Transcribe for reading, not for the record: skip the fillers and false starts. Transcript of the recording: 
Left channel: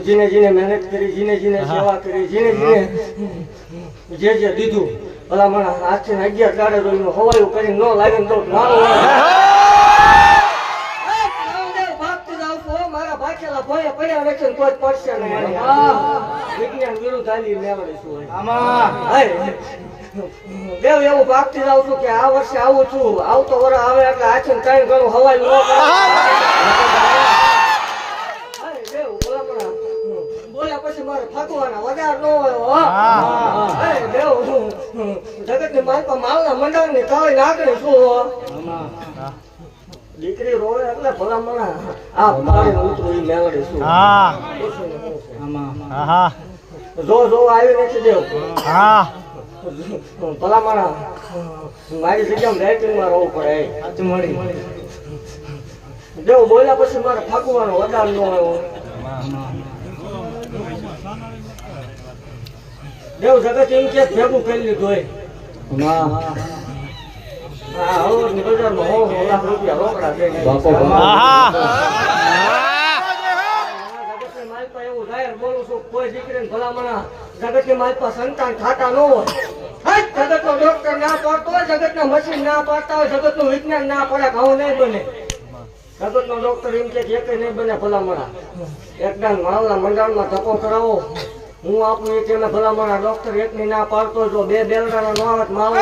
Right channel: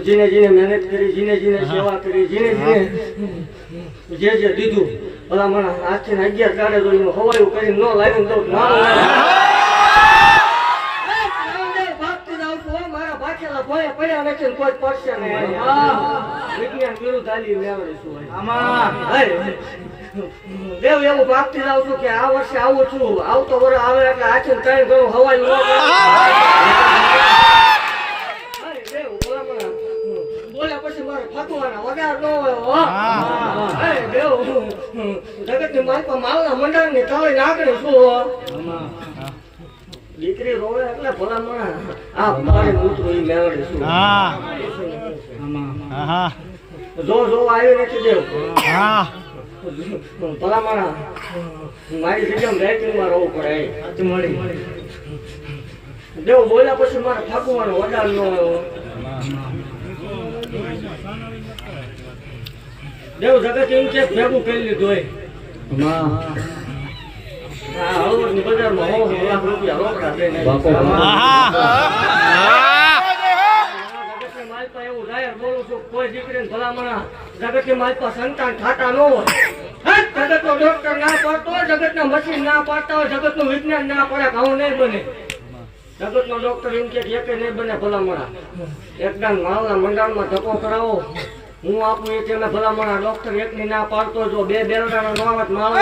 જીને જીને મહેનત કરી, જીને જીને સેવા કરી, જીને જીને જે દીધું ભલા મને આજથી 11 કાઢે તો એનું હવાયું કરીને ન લાવીને દઉં મારા બાચેલા ભોયા પડ્યા નથી ને કોઈ પડશે નહીં. વિજ્ઞાન વિરુદ્ધ હાલી મેળવીશું દેવ એવું ભાગતી જાઉં છું કે આ વર્ષે આવું છું, આવતો વર્ષ આવે એટલે આચું 3 ગણું હવાયું ન દેવ બોલ્યા પછી મારે ફગવાના વગાર ન હોય. દેવ જગત ની માલપા માવના મંડળ ની તળી નાખણી શું દીકરી રોવે એટલે ભલા મને આ મારે ઉતરું ઈ મેળવી શું જો આવ્યું નથી દેવ ભલા મારા મારી જગ્યામાં રાઇટિંગમાં રહેવું પડે. દેવ બોલ્યા પછી મારે ફાકવાનો વડાર ન હોય. દેવ જગત એમ કે ભેગું કરી લીધું હોય બજારમાં 1 લાખ રૂપિયા રોકડા દઈને માલપા એવું જાહેર બોલું છું કોઈ દીકરીને ભલામણા જગતની માલપા સંતાન ખાતા ન હોય. જગત નો ડોક્ટર ના પાડતો હોય, જગત ના મશીન ના પાડતા હોય, જગત નું વિજ્ઞાન ના પડે ઘઉં નહીં બને. જગત નો ડોક્ટર એમ કે એક નહીં બને ભલામણા એકદમ માલના મંડળમાં ધક્કો કરાવો હું આપું એ ભલામણા ડોક્ટર એક ની ના પાડતો જો 2 બેલડાના નો આવત માલ